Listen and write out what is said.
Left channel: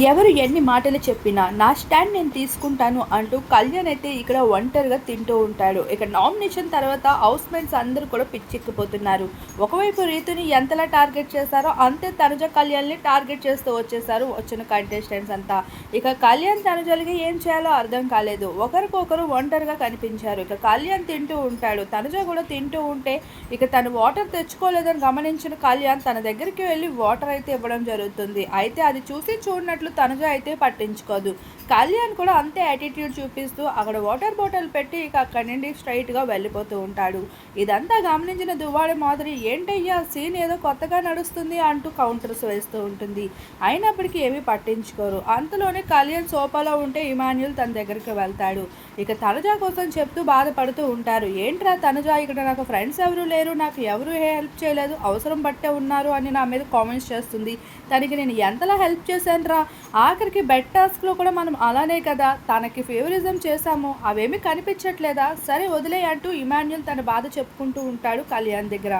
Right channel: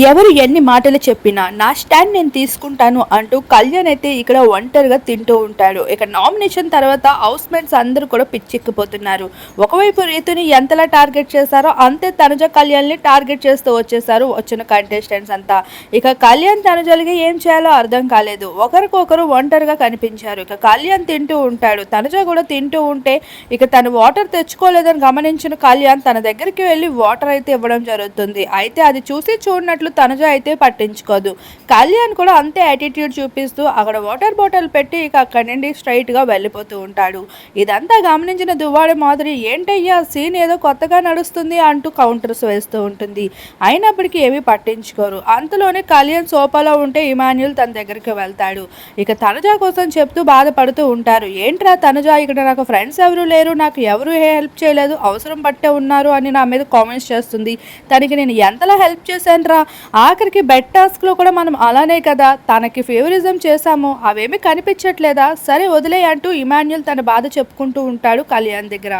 ఎవరు ఎన్ని మాటలు చెప్పినా నా స్టాండ్ నేను తీసుకుంటాను అంటూ కళ్యాణ్ అయితే ఇక్కడ ఒంటరిగా తింటూ ఉంటాడు. ఇక నామినేషన్ తర్వాత హౌస్ మేట్స్ అందరూ కూడా పిచ్చెక్కిపోతున్నారు. ఒకవైపు రీతుని ఎంతలా టార్గెట్ చేశారో అంతే తనుజ కళ్యాణ్ని టార్గెట్ చేస్తూ వచ్చేసారు వచ్చిన కంటెస్టెంట్స్ అంతా. ఇక కళ్యాణ్ తనుజలకి ఏం చేయాలో అర్థం కాలేదు. ఒకరికొకరు ఒంటరిగా కనిపించారు. ఇక కళ్యాణ్ తింటూ ఉంటాడు. తనుజ కూడా తింటూ ఉంటే ఇక తను వాటర్ తెచ్చుకోలేదని గమనించిన కళ్యాణ్ తన దగ్గరికి వెళ్ళి వాటర్ అయితే ఇవ్వడం జరుగుతుంది. అయితే అది చూసి చూడనట్లు తనుజ అయితే పట్టించుకోదు. కళ్యాణ్ కూడా అంతే యాటిట్యూడ్ చూపిస్తూ అక్కడ వాటర్ బాటిల్ పెట్టి ఇక అక్కడి నుండి స్ట్రైట్గా వెళ్ళిపోతూ ఉంటాడు. ఇదంతా గమనించిన దువ్వాడి మాదిరి ఏంటయ్యా సీన్ ఏదో కొత్తగా నడుస్తుంది అంటూ కౌంటర్స్ వేస్తూ ఉంటుంది. అయినప్పటికీ ఏమీ పట్టించుకోరు. అంతలోనే కళ్యాణ్ సోఫాలో ఉంటే ఇమాన్యుల్ తన దగ్గరికి వెళ్తాడు. ఇక తనుజ కోసం చెప్తూ బాధపడుతూ ఉంటారు. ఏంట్రా తనుజ ఇక్కడ నాకు ఫ్రెండ్స్ ఎవరు లేరు నాకు ఎవరు హెల్ప్ చేయలేదు అవసరం పట్టే ఉన్నారు అని నా మీద కామెంట్స్ చేస్తుంది. తనకి నేను ఎంతలా హెల్ప్ చేశాను రా ఆఖరికి బెడ్ టాస్క్లో కూడా మనం అలానే కదా తనకి ఫేవరిజం చేశాము అవేమీ కనిపించట్లేదా? సరే వదిలే అంటూ ఇమాన్యుల్ తన బాధ చెప్పుకుంటూ ఉంటాడు కళ్యాణ్ దగ్గర.